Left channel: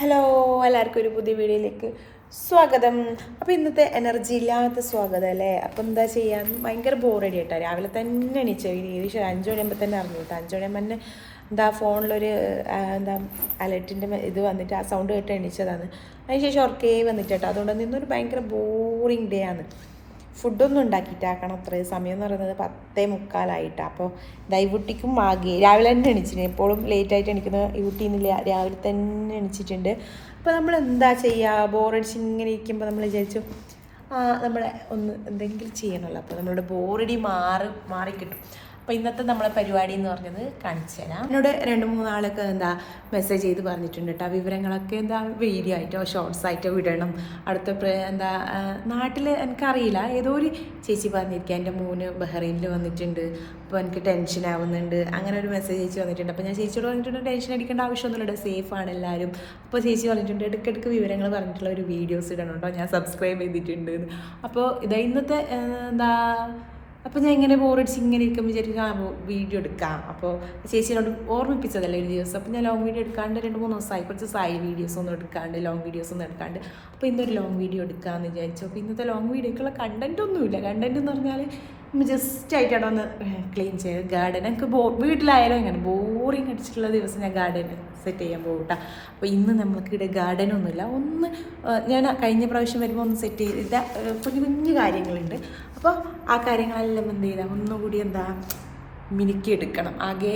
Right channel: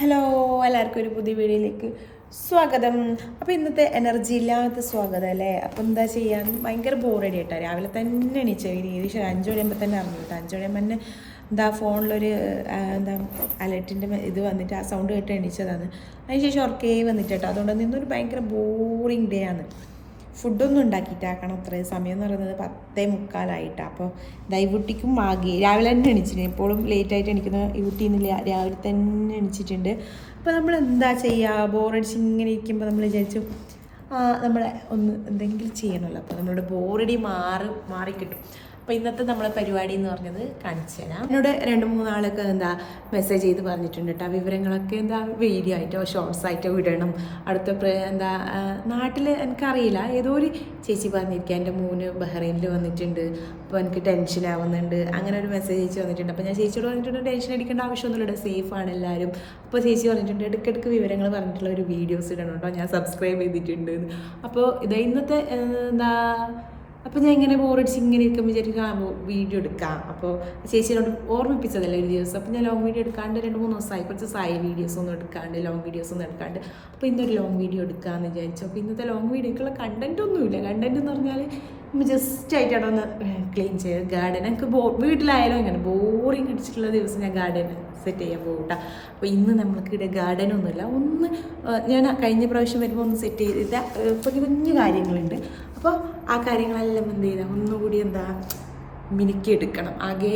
Hello, എല്ലാവർക്കും ഒരു പുതിയ വീഡിയോയിലേക്ക് സ്വാഗതം. അപ്പോൾ ഇന്നത്തെ എനർജി ഇല്ലാത്ത സ്വാഗതം അല്ലേ. അപ്പോൾ എന്താ ചെയ്യാൻ ഭയങ്കര ബോറടി കേട്ടോ. രാവിലെ തന്നെ എണീച്ച ഏകദേശം 5 മണിയാകുമ്പോൾ തന്നെ അറിഞ്ഞു കേട്ടോ. 5 മണിയാകുമ്പോൾ തന്നെ എന്താ ഫോണിലൊരു അലർട്ടിൻ്റെ ഇത് വന്നിട്ട് ആ സൗണ്ട് കേട്ട് എണീച്ചതാണ്. അതിനുശേഷം ഉറക്കേ വന്നിട്ട് കേട്ടോ. അതുകൊണ്ട് നിന്നൊരു ഭയങ്കര ബോറിങ് ഡേ ആണ്. ഫുഡൊന്നും ഉണ്ടാക്കിയിട്ടാക്കണം. അത്രയും സമയം എന്ന് പറയുന്നത് 10:45. അപ്പോൾ ദൈവുട്ടിക്കും മാഗി രാവിലെ തന്നെ എണീച്ചിന്. എപ്പോഴും ലേറ്റായിട്ട് എണീക്കുന്ന ഈ കുട്ടീന്നില്ല, രാവിലെ തന്നെ എണീച്ചിട്ടുണ്ട്. അപ്പോൾ നമ്മൾ എന്താ ചെയ്യുക, ബോറടിച്ച് ഇങ്ങനെ ഇരിക്കുമ്പോൾ നമ്മൾ വിചാരിച്ചു നമ്മളെ ഒന്ന് എന്തെങ്കിലും ചെയ്യണമല്ലോ. അപ്പോൾ നമ്മളുടെ ബോറടി മാറിക്കിട്ടും. അപ്പോൾ ഇന്നത്തെ നമ്മളെ പരിപാടി എന്ന് പറഞ്ഞത് കാണിച്ചു തരാം. എന്നോട് 2-3 ആളൊക്കെ മെസ്സേജ് ചെയ്ത് പറഞ്ഞിട്ടുണ്ട് കേട്ടോ. വിവരങ്ങളൊക്കെ വീഡിയോ ആയിട്ടോ ഷോർട്സ് ആയിട്ടോ വിടണം. അടുത്ത നാട്ടിൽ എനിക്കറിയില്ല, ഏതോ ഒരു ചേച്ചി പറഞ്ഞിരിക്കുക എൻ്റെ മോന് ബഹ്റൈനിൽ വന്നിട്ടുണ്ട്, അപ്പോൾ എനിക്ക് ടെൻഷൻ ആവുന്നുണ്ട്, അങ്ങനെ ഒരു മെസ്സേജ് ചേച്ചി വന്നിട്ടുണ്ട്. അപ്പോൾ ഞാൻ ചേച്ചിയോട് പറഞ്ഞിട്ടുണ്ട് ടെൻഷൻ അടിക്കേണ്ട ആവശ്യമൊന്നുമില്ല, സേഫാണ് എല്ലാവരും. അപ്പോൾ ചേച്ചി പറഞ്ഞിട്ടുണ്ട് ഇടയ്ക്കിടയ്ക്ക് വിവരങ്ങൾ പറഞ്ഞിട്ടുള്ള ഒരു വീഡിയോസ് ഇടണം കേട്ടോ, ഞാൻ സബ്സ്ക്രൈബ് ചെയ്തിട്ടുണ്ട്. അപ്പോൾ ഇന്നത്തെ അപ്പോൾ ഞാൻ ഇങ്ങനെ ബോറടിച്ച് ഇങ്ങനെ ഇരിക്കുമ്പോൾ വിചാരിക്കും വീഡിയോ എടുക്കാം. അപ്പോൾ ചേച്ചിയോട് ഓർമ്മിപ്പിച്ചതല്ലേ ഒരു ദിവസം. അപ്പോൾ ഞാൻ ലോങ് വീഡിയോ എടുക്കാണ്ട് 2-3 ദിവസമായി, കുറച്ച് വീഡിയോസ് ഒന്നും എടുക്കാണ്ട്, ലോങ് വീഡിയോസ് ഒന്നും എടുക്കാണ്ട്. അപ്പോൾ ഇന്നൊരു ലോങ് വീഡിയോ എടുക്കാമെന്ന് വിചാരിച്ചു. അപ്പോൾ ഇന്നത്തെ ലോങ് വീഡിയോക്കുള്ള കണ്ടൻറ്റ് ഒന്നുമില്ല. കണ്ടൻറ്റ് എന്ന് പറഞ്ഞാൽ ജസ്റ്റ് ആയിട്ടാണ് ഒന്ന് ക്ലീൻ ചെയ്ത് ഗാർഡൻ. എനിക്ക് വീട്ടിലായാലും ഇങ്ങനെ ബോറിങ് അടിച്ചിട്ടുള്ള ദിവസം ഞാൻ ഗാർഡൻ സെറ്റ് ചെയ്യാൻ പോകും കേട്ടോ. അപ്പോൾ ഇന്ന് നമ്മൾക്കിവിടെ ഗാർഡനൊന്നുമില്ല. ഞാൻ കഴിഞ്ഞ പ്രാവശ്യം വരുമ്പോൾ ഒന്ന് സെറ്റ് ചെയ്തിട്ട് കുഞ്ഞു കാര്യങ്ങളുണ്ട്. അപ്പോൾ ആ കാര്യങ്ങളെല്ലാം എന്ത് ചെയ്താൽ ഒന്നുകൂടി മിനുക്കിയെടുക്കണം. ആകെ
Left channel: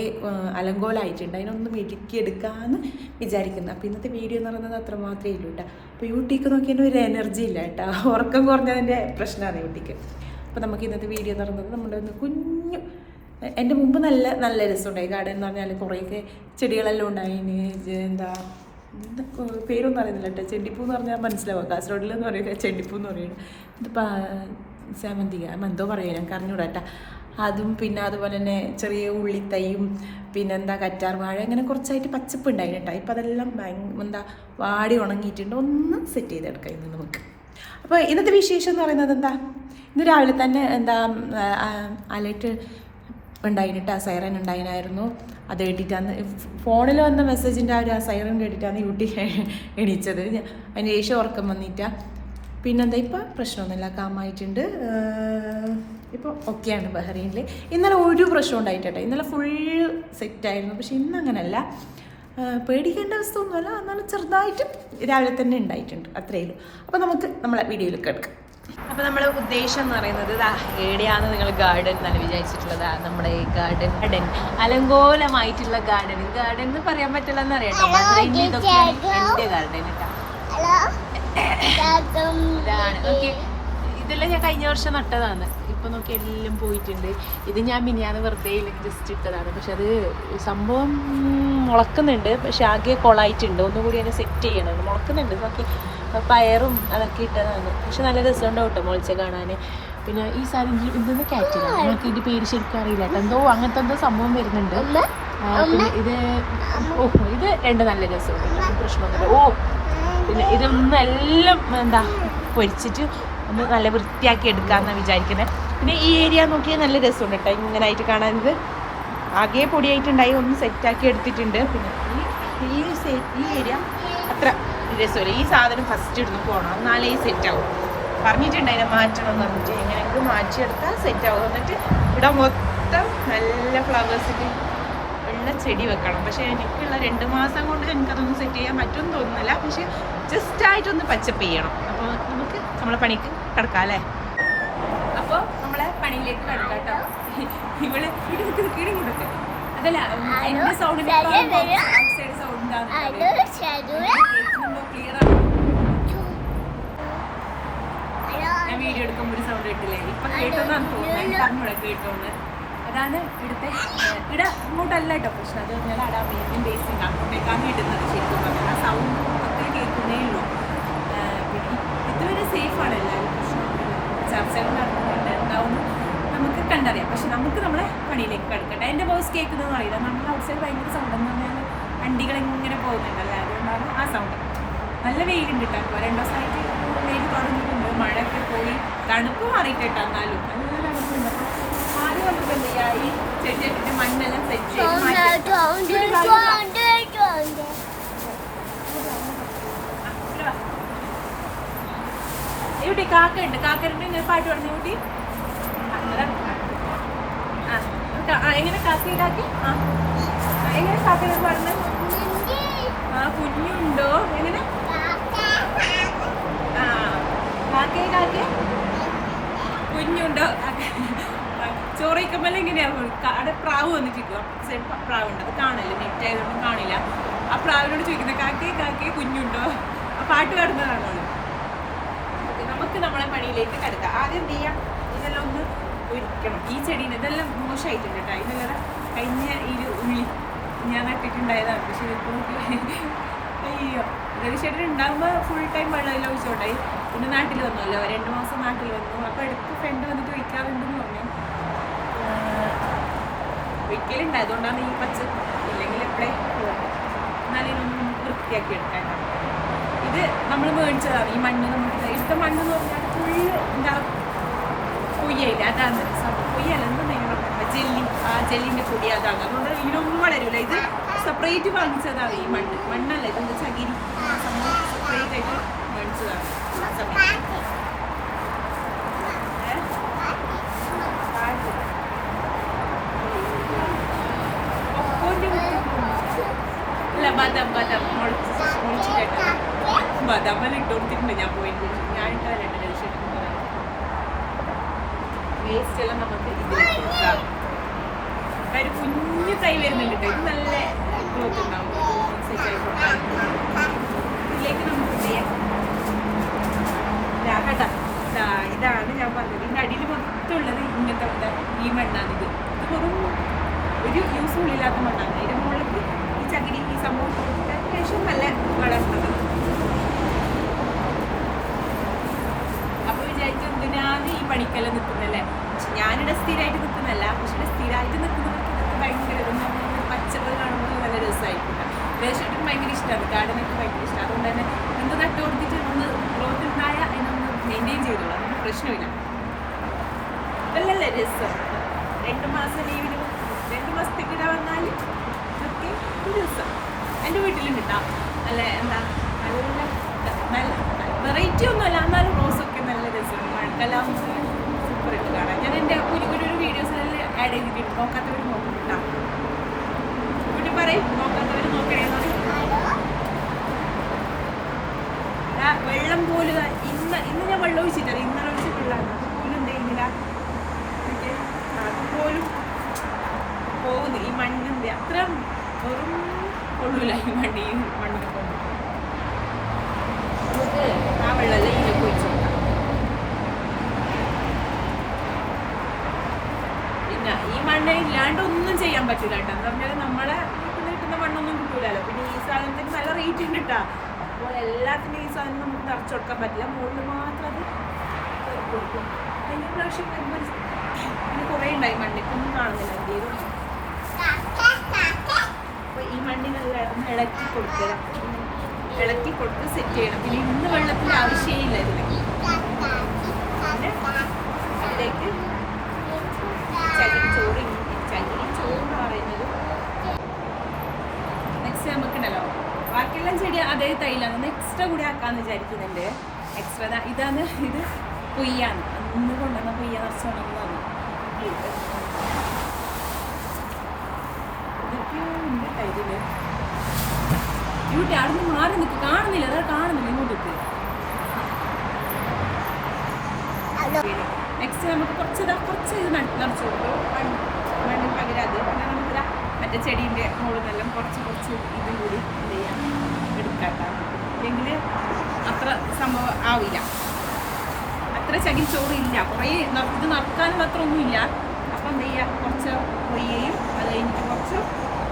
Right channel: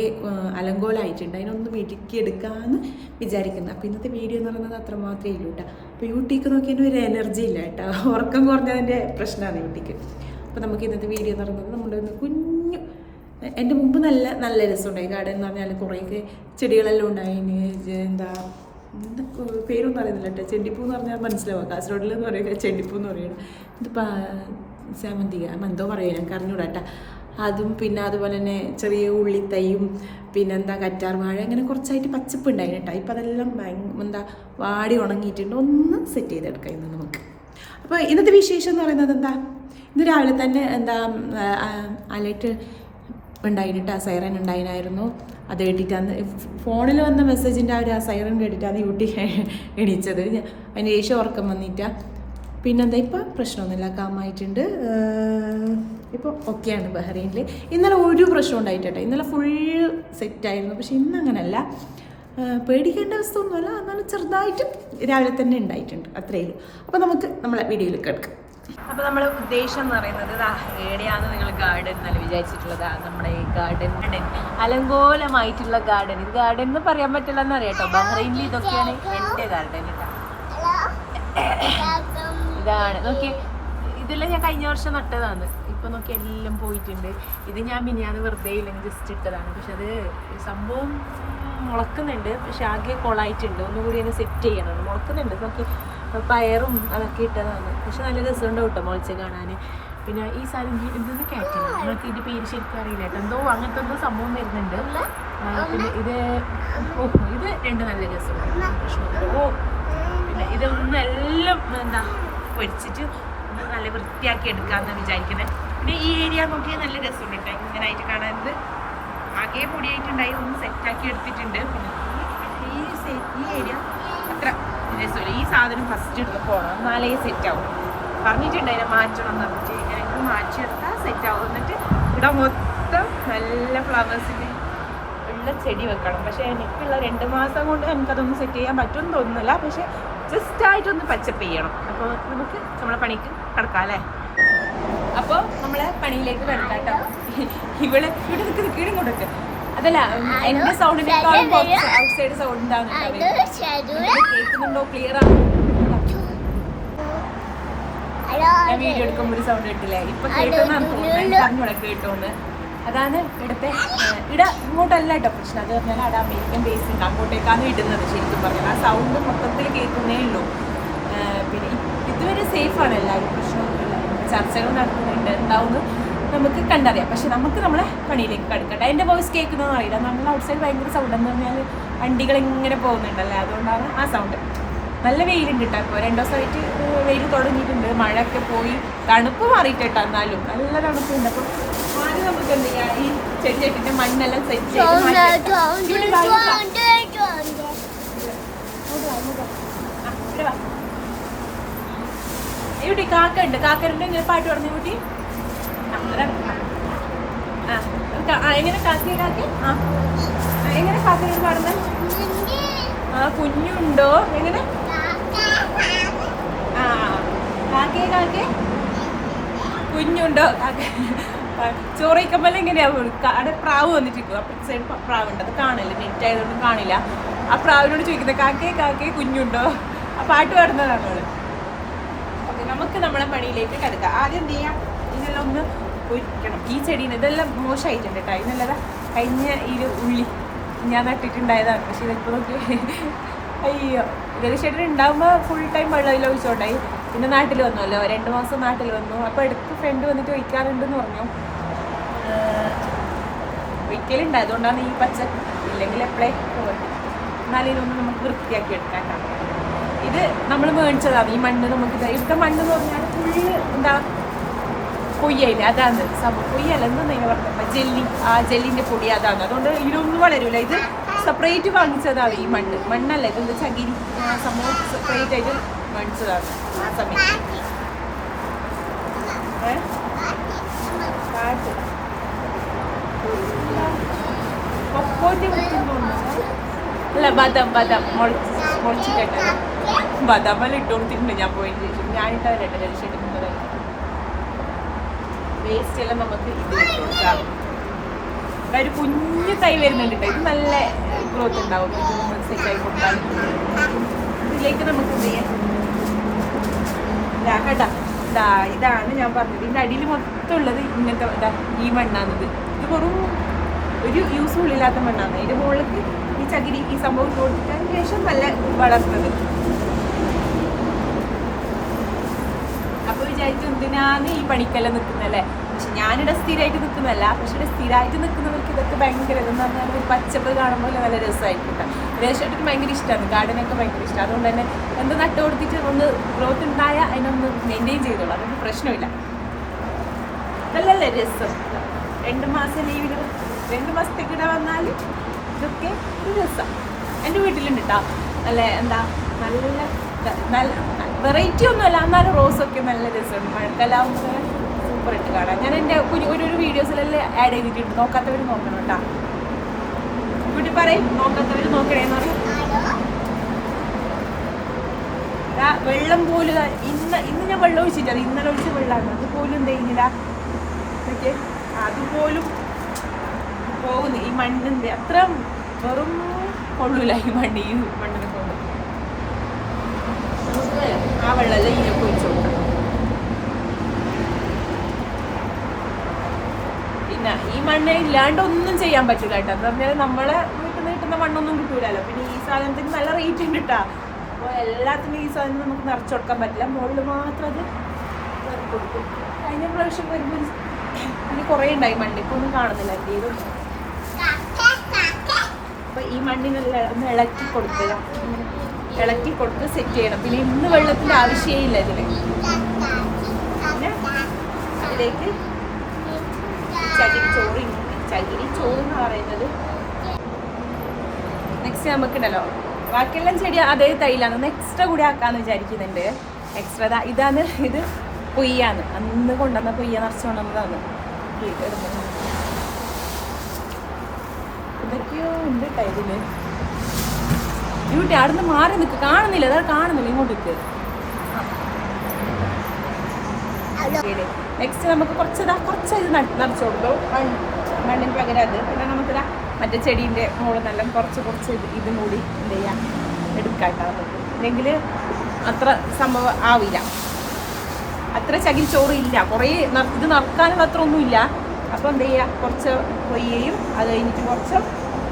അലങ്കോലമായിട്ടുണ്ട്, അതിനൊന്ന് മിനുക്കിയെടുക്കാമെന്ന് വിചാരിക്കുന്നത്. അപ്പോൾ ഇന്നത്തെ വീഡിയോ എന്ന് പറയുന്നത് അത്ര മാത്രമേ ഉള്ളൂ കേട്ടോ. അപ്പോൾ യൂട്ടിക്ക് നോക്കിയതിൻ്റെ ഒരു എനർജി ഇല്ല കേട്ടോ, ഉറക്കം കുറഞ്ഞതിൻ്റെ പ്രശ്നമാണ് യൂട്ടിക്ക്. അപ്പോൾ നമുക്ക് ഇന്നത്തെ വീഡിയോ എന്ന് പറയുന്നത് നമ്മുടെ ഒന്ന് കുഞ്ഞു, എൻ്റെ മുമ്പ് നല്ല രസമുണ്ടായി ഗാർഡൻ എന്ന് പറഞ്ഞാൽ. കുറേയൊക്കെ ചെടികളെല്ലാം ഉണ്ടായിന്. പേരൊന്നും അറിയുന്നില്ല കേട്ടോ. ചെണ്ടിപ്പൂ എന്ന് പറഞ്ഞാൽ മനസ്സിലാവുക, കാസർഗോഡിലെന്ന് പറയുക ചെണ്ടിപ്പൂ എന്ന് പറയുന്നത്. ഇതിപ്പോൾ സാമന്തിക എന്തോ പറയുക, ഞാൻ അറിഞ്ഞൂടാ കേട്ടോ. അതും പിന്നെ അതുപോലെ തന്നെ ചെറിയ ഉള്ളിത്തൈയും കറ്റാർ വാഴ, അങ്ങനെ കുറച്ചായിട്ട് പച്ചപ്പ് ഉണ്ടായി കേട്ടോ. ഇപ്പം അതെല്ലാം വാടി ഉണങ്ങിയിട്ടുണ്ട്. ഒന്ന് സെറ്റ് ചെയ്തെടുക്കാം ഇന്ന് നമുക്ക്. അപ്പോൾ ഇന്നത്തെ വിശേഷം എന്ന് പറയുന്നത് ഇന്ന് രാവിലെ തന്നെ അലർട്ട് ഉണ്ടായിട്ടാ, സൈറൻ ഉണ്ടായിരുന്നു. അത് കേട്ടിട്ടാണ് ഫോണിൽ വന്ന മെസ്സേജിൻ്റെ ആ സൈറൻ കേട്ടിട്ടാണ് യൂട്ടി എണീച്ചത്. അതിന് ശേഷം ഉറക്കം വന്നിട്ടാ. ഇപ്പം പ്രശ്നമൊന്നുമില്ല, കാമായിട്ടുണ്ട്. ഇപ്പോൾ ഓക്കെയാണ് ബഹ്റൈനിൽ. ഇന്നലെ ഒരു പ്രശ്നം ഉണ്ടായിട്ടെ, ഇന്നലെ ഫുൾ സെറ്റായിരുന്നു. പക്ഷെ ഇന്ന് അങ്ങനെയല്ല, പേടിക്കേണ്ട അവസ്ഥ ഒന്നുമല്ല. എന്നാലും ചെറുതായിട്ട് രാവിലെ തന്നെ ഉണ്ടായിട്ടുണ്ട്, അത്രയേ ഉള്ളൂ. അപ്പോൾ നമുക്ക് നമ്മളെ വീഡിയോയിലേക്ക് എടുക്കാം. അപ്പോൾ നമ്മളെ ഉദ്ദേശം എന്ന് പറയുന്നത് എവിടെയാണ് നിങ്ങൾ ഗാർഡൻ എന്നാണ് വിചാരിച്ചിട്ടുള്ളത്. നമ്മുടെ ഈ ഗാർഡൻ അലങ്കോലമായിട്ടുള്ള ഗാർഡൻ എന്ന് പറയാൻ പറ്റില്ല എന്നറിയാം കേട്ടോ. ബഹ്റൈനിൽ ഇതൊക്കെയാണ് എൻ്റെ ഗാർഡൻ കേട്ടോ. ഇതാണ് നോക്കി, ഇതെല്ലാം ഞാൻ കഴിഞ്ഞ വർഷം നട്ടതാണ്. ഇപ്പം നോക്കി എല്ലാം പോയിട്ടുണ്ട്. ഇത് ഞാൻ മിനിയാന്ന് വെറുതെ ഇല്ലെങ്കിൽ ജസ്റ്റ് ഇട്ടതാണ്. പക്ഷെ അത് സംഭവം മുളക്കുന്നുണ്ട്, പക്ഷെ ആകെ കൊളായിട്ടുണ്ട്. ഒന്നുകൂടി അതിനെ സെറ്റ് ചെയ്യണം. മുളക്കുന്നുണ്ട് നോക്കി, പയറും അതൊക്കെ ഇട്ടതാണ്. പക്ഷെ നല്ല രസമുണ്ടാവും കേട്ടോ മുളച്ച് കാണാൻ. പിന്നെ ഈ സാധനം ഇതൊന്ന് കാറ്റിലാണ്, നമുക്ക് ഇതിൻ്റെ പേര് ശരിക്കും അറിയില്ല കേട്ടോ. എന്തോ അങ്ങനത്തെ എന്തോ സംഭവം വരുന്നുണ്ട്. പിന്നെ ഇത് ഇത് രണ്ട് നല്ല രസമുണ്ട്, പ്രശ്നമൊന്നുമില്ല. പിന്നെ ഇതൊന്നും എല്ലാം പൊരിച്ചിട്ട് ഒന്ന് നല്ല വൃത്തിയാക്കി എടുക്കാമെന്നാണ് വിചാരിക്കുന്നത്. പിന്നെ ഈ ഏരിയ നോക്കിയാൽ നല്ല രസമുണ്ട് കേട്ടോ, ഇങ്ങനെ ആയിട്ട് കാണാൻ. ഇത് ആകെ പൊടിയായിട്ടുണ്ടായി, ഒന്ന് സെറ്റാക്കി എടുത്തിട്ടുണ്ട്. പിന്നെ ഈ ഏരിയ അത്ര രസമില്ല. ഈ സാധനം ഫസ്റ്റ് ഇടുന്ന് പോകണം, എന്നാലേ സെറ്റാവും. പറഞ്ഞിട്ടുണ്ട് അതിനെ മാറ്റണം എന്ന് പറഞ്ഞിട്ട്. എങ്ങനെയെങ്കിലും മാറ്റിയെടുത്താൽ സെറ്റാവും. എന്നിട്ട് ഇവിടെ മൊത്തം നല്ല ഫ്ലവേഴ്സിൻ്റെ ഉള്ള ചെടി വെക്കണം. പക്ഷേ എനിക്കുള്ള 2 മാസം കൊണ്ട് എനിക്കതൊന്നും സെറ്റ് ചെയ്യാൻ പറ്റുമെന്ന് തോന്നുന്നില്ല. പക്ഷെ ജസ്റ്റായിട്ടൊന്ന് പച്ചപ്പ് ചെയ്യണം. അപ്പോൾ നമുക്ക് നമ്മളെ പണിക്ക് കിടക്കാം അല്ലേ. അപ്പോൾ നമ്മളെ പണിയിലേക്ക് കിടക്കാം കേട്ടോ. ഇവിടെ കീഴും കൊടുക്കും അതല്ല, എൻ്റെ സൗണ്ടിൻ്റെ ഔട്ട്സൈഡ് സൗണ്ട് ഉണ്ടാവും. ക്ലിയർ ആണ്. ഞാൻ വീഡിയോ എടുക്കുമ്പോൾ ഒരു സൗണ്ട് കേട്ടില്ലേ, ഇപ്പം കേട്ടോന്നാണ് തോന്നുന്നത്. പറഞ്ഞൂടെ കേട്ടോണ്ട്. അതാണ് ഇവിടുത്തെ ഇങ്ങോട്ടല്ല കേട്ടോ പ്രശ്നം. അത് പറഞ്ഞാൽ അവിടെ അമേരിക്കൻ ബേസ് ഉണ്ട്, അങ്ങോട്ടേക്കാണ് ഇടുന്നത്. ശരിക്കും പറഞ്ഞാൽ ആ സൗണ്ട് മൊത്തത്തിൽ കേൾക്കുന്നേ ഉള്ളൂ. ഇതുവരെ സേഫാണ്, എല്ലാവരും പ്രശ്നമൊന്നുമില്ല. ചർച്ചകൾ നടക്കുന്നുണ്ട്, ഉണ്ടാവുന്നു നമുക്ക് കണ്ടറിയാം. പക്ഷെ നമുക്ക് നമ്മളെ പണിയിലേക്ക് കടക്കട്ടെ. അതിൻ്റെ വോയിസ് കേൾക്കുന്നതും അറിയില്ല. നമ്മൾ ഔട്ട് സൈഡ് ഭയങ്കര സൗണ്ട് എന്ന് പറഞ്ഞാൽ വണ്ടികൾ ഇങ്ങനെ പോകുന്നുണ്ടല്ലോ, അതുകൊണ്ടാണ് ആ സൗണ്ട്. നല്ല വെയിലുണ്ട് കേട്ടോ. ഇപ്പോൾ 2 ദിവസമായിട്ട് വെയിൽ തുടങ്ങിയിട്ടുണ്ട്. മഴയൊക്കെ പോയി തണുപ്പ് മാറിയിട്ട് കേട്ടോ, എന്നാലും നല്ല തണുപ്പുണ്ട്. അപ്പോൾ ആദ്യം നമുക്ക് എന്ത് ചെയ്യാം, ഈ ചെടിയുടെ മണ്ണെല്ലാം സെറ്റ് ചെയ്ത് കുട്ടി കാക്ക ഉണ്ട്, കാക്കറിന്റെ ഇങ്ങനെ പാട്ട് പറഞ്ഞു കുട്ടി. എങ്ങനെ കാക്കി കാക്കി എങ്ങനെ കാക്കനോട് പാടുന്നത്? കുഞ്ഞുണ്ടോ എങ്ങനെ? കാക്കേ കാക്കേ കുഞ്ഞുണ്ടോ? ചോറയിക്കുമ്പോൾ എങ്ങനെയാ അവിടെ പ്രാവ് വന്നിട്ടിരിക്കും. അപ്പുറത്തെ സൈഡ് പ്രാവുണ്ട്, അത് കാണില്ല, നെറ്റ് ആയതൊന്നും കാണില്ല. ആ പ്രാവിനോട് ചോദിക്കുന്നത് കാക്കേ കാക്കേ കുഞ്ഞുണ്ടോ? ആ പാട്ട് പാടുന്നതാണ് അവള്. ഓക്കെ, നമുക്ക് നമ്മളെ പണിയിലേക്ക് കിടക്കാം. ആദ്യം എന്ത് ചെയ്യാം, ഇതെല്ലാം ഒന്ന് ഒഴിക്കണം. ഈ ചെടീന് ഇതെല്ലാം മോശമായിട്ടുണ്ട് കേട്ടോ. ഇതിനുള്ളത് കഴിഞ്ഞ ഈ ഉള്ളി ഞാൻ നട്ടിട്ടുണ്ടായതാണ്. പക്ഷെ ഇപ്പോൾ അയ്യോ, ഇതൊരു ചെടി ഉണ്ടാകുമ്പോൾ ഫുൾ ടൈം വെള്ളം ഒഴിച്ചോണ്ടായി. പിന്നെ നാട്ടിൽ വന്നല്ലോ, 2 മാസം നാട്ടിൽ വന്നു. അപ്പോൾ ഇടയ്ക്ക് ഫ്രണ്ട് വന്നിട്ട് ഒഴിക്കാറുണ്ടെന്ന് പറഞ്ഞു. ഒരിക്കലുണ്ട്, അതുകൊണ്ടാണ് ഈ പച്ച. ഇല്ലെങ്കിൽ എപ്പോഴേ പോകട്ടെ. എന്നാലും ഇതൊന്ന് നമുക്ക് വൃത്തിയാക്കി എടുക്കാം. ഇത് നമ്മൾ മേടിച്ചതാണ് ഈ മണ്ണ്. നമുക്ക് ഇവിടുത്തെ മണ്ണ് എന്ന് പറഞ്ഞാൽ ഫുള്ള് എന്താ പൊയ്യയില്ല, അതാണ് സംഭവം. പൊയ്യല്ല എന്തെന്ന് പറഞ്ഞാൽ ജെല്ലി, ആ ജെല്ലിൻ്റെ പൊടി അതാണ്. അതുകൊണ്ട് ഇതിനൊന്നും വളരില്ല. ഇത് സെപ്പറേറ്റ് വാങ്ങിച്ചതാണ് ഈ മണ്ണ്. മണ്ണല്ല, ഇതിൻ്റെ ചകിരി ആ സംഭവം സെപ്പറേറ്റ് ആയിട്ട് വാങ്ങിച്ചതാണ് ആ സമയത്ത്. അല്ല ബദം ബദം മുളച്ചിട്ട് ബദമെല്ലാം ഇട്ട് കൊടുത്തിട്ടുണ്ട് ഞാൻ പോയതിന് ശേഷം. ഞാനിട്ടവരുണ്ട് വെളിച്ചെണ്ണ വേസ്റ്റ് എല്ലാം നമുക്ക് കൊടുക്കാം. ഒരു കുഞ്ഞു തൈ വരുന്നുണ്ട്, ഇത് നല്ല ഗ്രോത്ത് ഉണ്ടാവും. സെറ്റായി കൊടുത്താൽ ഇതിലേക്ക് നമുക്ക് എന്ത് ചെയ്യാം, കേട്ടാ ഇതാണ് ഞാൻ പറഞ്ഞത്. ഇതിൻ്റെ അടിയിൽ മൊത്തം ഉള്ളത് ഇങ്ങനത്തെ ഈ മണ്ണാണിത്. ഇത് വെറും ഒരു യൂസും ഇല്ലാത്ത മണ്ണാണ്. ഇതിൻ്റെ മുകളിൽ ഈ ചകിരി ഈ സംഭവം കൊടുക്കാൻ ശേഷം നല്ല വളർന്നത്. അപ്പോൾ വിചാരിച്ചു എന്തിനാണ് ഈ പണിക്കെല്ലാം നിൽക്കുന്നതല്ലേ. പക്ഷെ ഞാനിവിടെ സ്ഥിരമായിട്ട് നിൽക്കുന്നതല്ല. പക്ഷെ ഇവിടെ സ്ഥിരമായിട്ട് നിൽക്കുന്നവർക്ക് ഇതൊക്കെ ഭയങ്കര എന്ന് പറഞ്ഞാൽ ഒരു പച്ചപ്പ് കാണുമ്പോൾ നല്ല രസമായിരിക്കും. രേഷായിട്ട് ഭയങ്കര ഇഷ്ടമാണ്, ഗാർഡനൊക്കെ ഭയങ്കര ഇഷ്ടമാണ്. അതുകൊണ്ട് തന്നെ എന്ത് നട്ട് കൊടുത്തിട്ട് ഒന്ന് ഗ്രോത്ത് ഉണ്ടായ അതിനൊന്ന് മെയിൻറ്റെയിൻ ചെയ്തോളൂ, അതൊന്നും പ്രശ്നമില്ല. നല്ലല്ലേ രസം. 2 മാസം ലീവ്, 2 മാസത്തേക്ക് ഇവിടെ വന്നാൽ ഇതൊക്കെ ഒരു രസം. എൻ്റെ വീട്ടിലുണ്ട് കേട്ടോ. നല്ല എന്താ നല്ല വെറൈറ്റി ഒന്നുമല്ല, എന്നാലും റോസൊക്കെ നല്ല രസമുണ്ട്. മഴക്കാലാവുമ്പോൾ സൂപ്പർ ഇട്ട് കാണാം. ഞാൻ എൻ്റെ ഒരു വീഡിയോസിലെല്ലാം ആഡ് ചെയ്തിട്ടുണ്ട്, നോക്കാത്തവർ നോക്കണം കേട്ടോ. വീട്ടിൽ പറയും നോക്കാത്തവർ നോക്കണേന്ന് പറയും. വെള്ളം പോലും ഇന്ന് ഞാൻ വെള്ളം ഒഴിച്ചിട്ടത്, ഇന്നലെ ഒഴിച്ച വെള്ളമാണ്. അതുപോലും ഉണ്ടായിരുന്നില്ല എനിക്ക്. അതുപോലും പോകുന്നു ഈ മണ്ണിൻ്റെ അത്ര വെറും കൊള്ളൂല ഈ മണ്ണ്. ഈ മണ്ണിനെ കൊണ്ട് നമുക്ക് ആ വെള്ളമെല്ലാം ഇതിലേക്ക് ഒഴിച്ചു കൊടുക്കാം. പിന്നെ ഈ മണ്ണ് ഇല്ലാണ്ട് ഒന്നും ചെയ്യാൻ പറ്റില്ല കേട്ടോ. എന്താ പറഞ്ഞാൽ നമ്മളെ വീട്ടിൽ നിന്ന് കിട്ടുന്ന മണ്ണൊന്നും കിട്ടൂലല്ലോ. പിന്നെ ഈ സാധനത്തിന് നല്ല റേറ്റ് ഉണ്ട് കേട്ടോ. അപ്പോൾ എല്ലാത്തിനും ഈ സാധനം നമുക്ക് നിറച്ചു കൊടുക്കാൻ പറ്റില്ല. മുകളിൽ മാത്രം അത് കൊടുക്കും. കഴിഞ്ഞ പ്രാവശ്യം വരുമ്പോൾ ഇത് കുറേ ഉണ്ടായി മണ്ണ്, ഇപ്പോൾ ഒന്നും കാണുന്നില്ല എൻ്റെ ഇതും. അപ്പോൾ ഈ മണ്ണിനെല്ലാം ഒന്ന് ഇളക്കി കൊടുക്കുക, ഇളക്കി കൊടുത്ത് സെറ്റ് ചെയ്യണം. പിന്നെ ഇന്ന് വെള്ളത്തിൻ്റെ ആവശ്യമില്ല ഇതിന്. പിന്നെ അതിലേക്ക് ചകിരി ചോറ് എന്ന് പറയുന്നത് നെക്സ്റ്റ് നമുക്കുണ്ടല്ലോ. ബാക്കിയെല്ലാം ചെടി അതേ തൈലാണ്, എക്സ്ട്രാ കൂടി ആക്കാമെന്ന് വിചാരിക്കുന്നുണ്ട്. എക്സ്ട്രാ ഇതാണ്, ഇത് പൊയ്യാണ്. അന്ന് കൊണ്ടുവന്ന പൊയ്യ നിറച്ച് കൊണ്ടുവന്നതാണ്. ഇതൊക്കെയോ ഉണ്ട് ടൈലില്. ഇവിടെ അവിടെ നിന്ന് മാറി നിൽക്ക്, കാണുന്നില്ല, അതാണ് കാണുന്നില്ല ഇങ്ങോട്ടേക്ക്. നെക്സ്റ്റ് നമുക്ക് കുറച്ച് ഇത് നിറച്ച് കൊടുക്കും മണ്ണിന് പകരം അത്. പിന്നെ നമുക്കിതാ മറ്റേ ചെടീൻ്റെ മുകളിലെല്ലാം കുറച്ച് ഇതും കൂടി എന്ത് ചെയ്യാം എടുക്കാം. നമുക്ക് ഇല്ലെങ്കിൽ അത്ര സംഭവം ആവില്ല, അത്ര ചകിരി ചോറ് ഇല്ല. കുറേ ഇത് നിറക്കാനും അത്ര ഒന്നുമില്ല. അപ്പോൾ എന്ത് ചെയ്യുക, കുറച്ച് പൊയ്യയും അത് കഴിഞ്ഞിട്ട് കുറച്ച്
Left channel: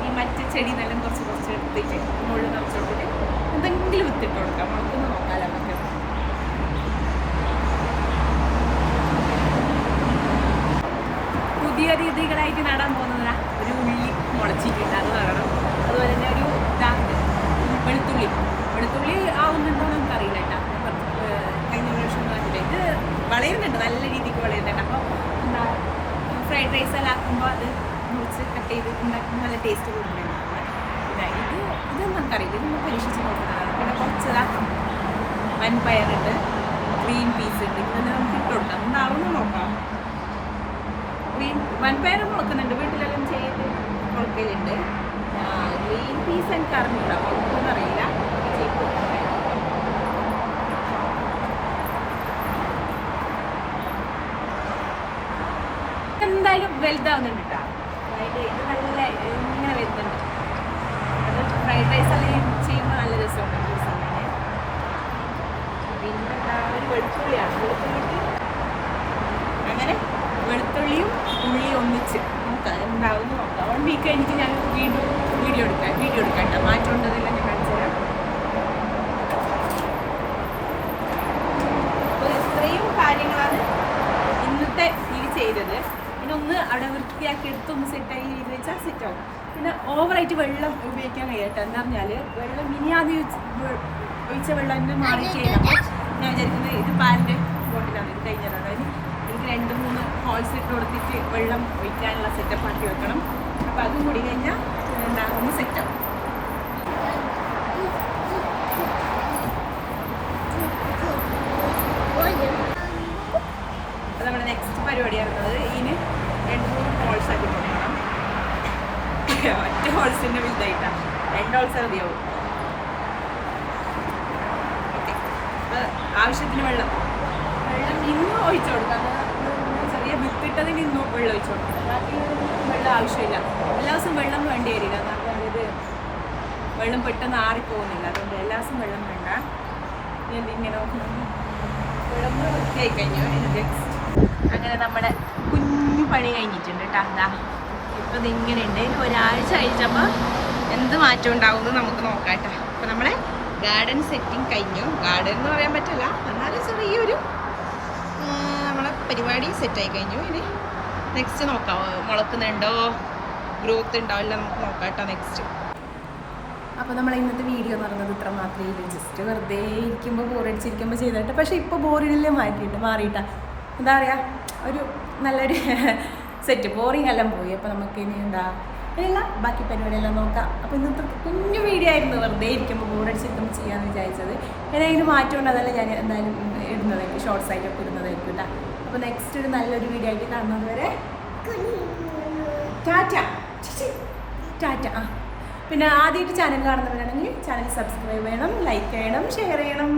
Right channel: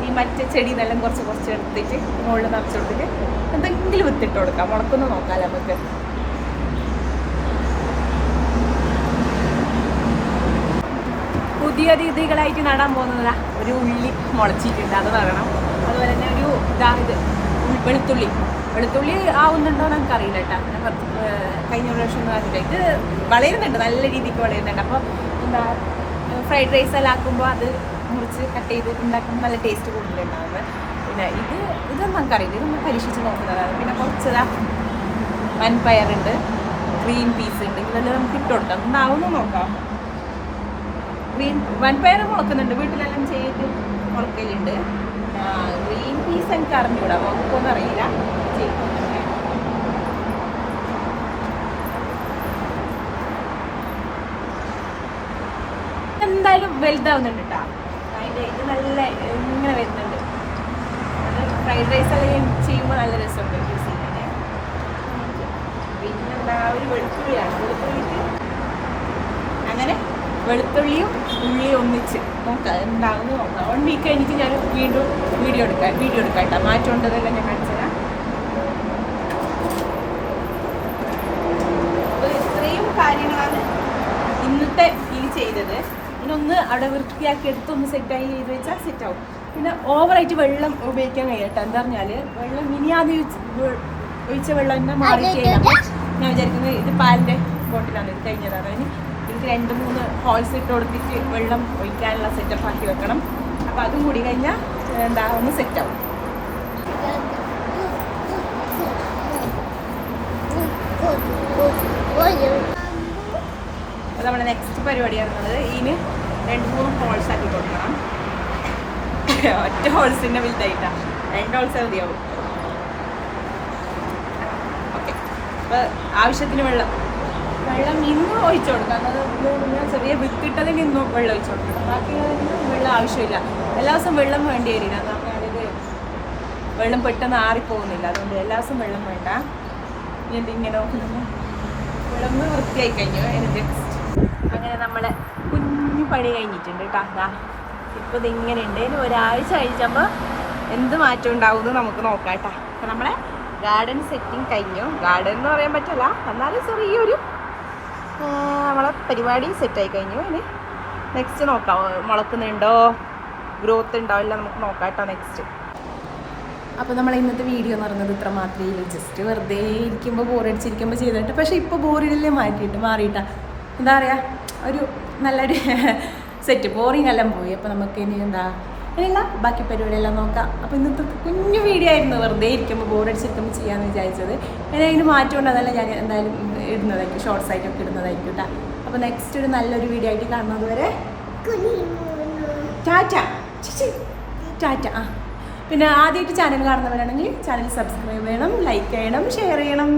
ഈ മറ്റേ ചെടിയെന്നെല്ലാം കുറച്ച് എടുത്തിട്ട് മുകളിൽ നിറച്ച് കൊടുത്തിട്ട് എന്തെങ്കിലും വിത്തിട്ട് കൊടുക്കാം. മുളക്കൊന്ന് നോക്കാം നമുക്ക്. പുതിയ രീതികളായിട്ട് നടാൻ പോകുന്നതാ. ഒരു ഉള്ളി മുളച്ചിട്ടുണ്ട്, അത് നടണം. അതുപോലെ തന്നെ ഒരു വെളുത്തുള്ളി ആവുന്നുണ്ടോ എന്ന് എനിക്കറിയില്ല കേട്ടോ. കഴിഞ്ഞ പ്രാവശ്യം ഇത് വളരുന്നുണ്ട്, നല്ല രീതിക്ക് വളരുന്നുണ്ട്. അപ്പോൾ എന്താ ഫ്രൈഡ് റൈസ് എല്ലാം ആക്കുമ്പോൾ അത് മുറിച്ച് കട്ട് ചെയ്ത് ഉണ്ടാക്കുമ്പോൾ നല്ല ടേസ്റ്റ് കൂടുതലുണ്ടാവുന്നത്. പിന്നെ ഇതൊന്നും നമുക്കറിയില്ല, ഇതൊന്ന് പരീക്ഷിച്ച് നോക്കുന്നതാണ്. പിന്നെ കുറച്ചതാ വൻപയറുണ്ട്, ഗ്രീൻ പീസ് ഉണ്ട്, ഇതെല്ലാം നമുക്ക് ഇട്ട് കൊടുക്കാം. എന്താവുമെന്ന് നോക്കാം. വൻപയർ മുളക്കുന്നുണ്ട്, വീട്ടിലെല്ലാം ചെയ്തിട്ട് മുളക്കലുണ്ട്. ഗ്രീൻ പീസ് എനിക്ക് അറിഞ്ഞൂടാ, മുളക്കുമെന്ന് അറിയില്ല. എന്തായാലും വലുതാവുന്നുണ്ട് കേട്ടോ. ഇത് നല്ല ഇങ്ങനെ വരുന്നുണ്ട്. അത് ഫ്രൈഡ് റൈസ് എല്ലാം ചെയ്യുമ്പോൾ നല്ല രസമുണ്ട് യൂസ് ചെയ്യാൻ. പിന്നെ എന്താ ഒരു വെളുത്തുള്ളിയാണ്, വെളുത്തുള്ളിക്ക് അങ്ങനെ വെളുത്തുള്ളിയും ഉള്ളിയും ഒന്നിച്ച് നോക്കാം എന്താവുമെന്ന് നോക്കാം. 1 വീക്ക് കഴിഞ്ഞിട്ട് ഞാൻ വീണ്ടും വീഡിയോ എടുക്കാം കേട്ടോ. മാറ്റം ഉണ്ടതെല്ലാം ഞാൻ കാണിച്ചു തരാം. അപ്പോൾ ഇത്രയും കാര്യങ്ങളാണ് ഇന്നത്തെ ഈ ചെയ്തത്. ഇതിനൊന്ന് അവിടെ വൃത്തിയാക്കി എടുത്തൊന്ന് സെറ്റായി ചെയ്ത് വെച്ചാൽ സെറ്റാവും. പിന്നെ ഓവറായിട്ട് വെള്ളം ഉപയോഗിക്കാൻ കഴിയട്ടെ. എന്താ പറഞ്ഞാൽ വെള്ളം മിനിയാതെ ഒഴിച്ച വെള്ളം തന്നെ മാറി ചെയ്യണം. അപ്പോൾ ഞാൻ വിചാരിക്കുന്നത് ഇത് പാലിൻ്റെ ബോട്ടിലാണ്, ഇത് കഴിഞ്ഞതാണ്. അതിന് എനിക്ക് 2-3 ഹോൾസ് ഇട്ട് കൊടുത്തിട്ട് വെള്ളം ഒഴിക്കാനുള്ള സെറ്റപ്പ് ആക്കി വെക്കണം. അപ്പോൾ അതും കൂടി കഴിഞ്ഞാൽ എന്താ ഒന്ന് സെറ്റാവും. അപ്പോൾ നമ്മുടെ നെക്സ്റ്റ് പരിപാടിയാണുള്ളത്. ഇതിന് 2-3 ഹോൾസ് ആക്കി കൊടുക്കണം. ഒറ്റ ഹോൾസിൻ്റെ വലുതായിട്ടാണ്, 2 ഹോൾസ് മതിയാവും. ഓക്കെ, അപ്പോൾ ആവശ്യത്തിന് വെള്ളം നിന്നും ഒഴിച്ചു കൊടുക്കാം. അതായത് ചെറിയ വിത്തിട്ടതിൽ നിന്നും വെള്ളം ഒഴിച്ചു കൊടുക്കണം. ബാക്കിയുള്ളതിന് വെള്ളം ആവശ്യമില്ല. എല്ലാ ദിവസവും വെള്ളം വേണ്ടി വരില്ല. കാരണം അതായത് വെള്ളം പെട്ടെന്ന് ആറിപ്പോകുന്നില്ല. അതുകൊണ്ട് എല്ലാ ദിവസവും വെള്ളം വേണ്ട. ഇങ്ങനെ വെള്ളം വൃത്തിയായി കഴിഞ്ഞു. നെക്സ്റ്റ് അങ്ങനെ നമ്മുടെ കുഞ്ഞു പണി കഴിഞ്ഞിട്ടുണ്ട് കേട്ടോ. അതാ ഇപ്പോൾ ഇതിങ്ങനെ ഉണ്ട്. ഇനി ഒരാഴ്ച കഴിച്ചപ്പോൾ എന്ത് മാറ്റം ഉണ്ടാവുമെന്ന് നമുക്ക് നോക്കാം കേട്ടോ. അപ്പോൾ നമ്മളെ ഗാർഡൻ സെറ്റിങ് കഴിഞ്ഞു. ഗാർഡൻ എന്ന് പറയാൻ പറ്റില്ല, എന്നാലും ചെറിയൊരു നമ്മളെ പരിപാടി സെറ്റായി കഴിഞ്ഞു. ഇനി നെക്സ്റ്റ് നോക്കാം, മുളക്കുന്നുണ്ടോ, ഗ്രോത്ത് ഉണ്ടോ എല്ലാം നമുക്ക് നോക്കാം കേട്ടോ നെക്സ്റ്റ്. അപ്പോൾ നമ്മൾ ഇന്നത്തെ വീഡിയോ എന്ന് പറയുന്നത് ഇത്ര മാത്രമേ ഇല്ല. ജസ്റ്റ് വെറുതെ ഇരിക്കുമ്പോൾ ബോറടിച്ചിരിക്കുമ്പോൾ ചെയ്തിട്ട്. പക്ഷേ ഇപ്പോൾ ബോറിഡില്ലേ മാറിയിട്ടാണ് എന്താ പറയുക, ഒരു നല്ലൊരു സെറ്റ് ബോറിങ് എല്ലാം പോയി. അപ്പോൾ നമുക്ക് ഇനി ഇനിയുള്ള ബാക്കി പരിപാടിയെല്ലാം നോക്കാം. അപ്പോൾ ഇന്നത്തെ കുഞ്ഞു വീഡിയോ ആയിരുന്നു, വെറുതെ ഇരിക്കുമ്പോൾ ബോറടിച്ചിരിക്കുമ്പോൾ ചെയ്യാമെന്ന് വിചാരിച്ചത്. ഇനി അതിന് മാറ്റമുണ്ട്, അതെല്ലാം ഞാൻ എന്തായാലും ഇടുന്നതായിരിക്കും, ഷോർട്സ് ആയിട്ടൊക്കെ ഇടുന്നതായിരിക്കും കേട്ടോ. അപ്പോൾ നെക്സ്റ്റ് ഒരു നല്ലൊരു വീഡിയോ ആയിട്ട് കാണുന്നത് വരെ ടാറ്റ. പിന്നെ ആദ്യമായിട്ട് ചാനൽ കാണുന്നവരാണെങ്കിൽ ചാനൽ സബ്സ്ക്രൈബ് ചെയ്യണം, ലൈക്ക് ചെയ്യണം, ഷെയർ ചെയ്യണം.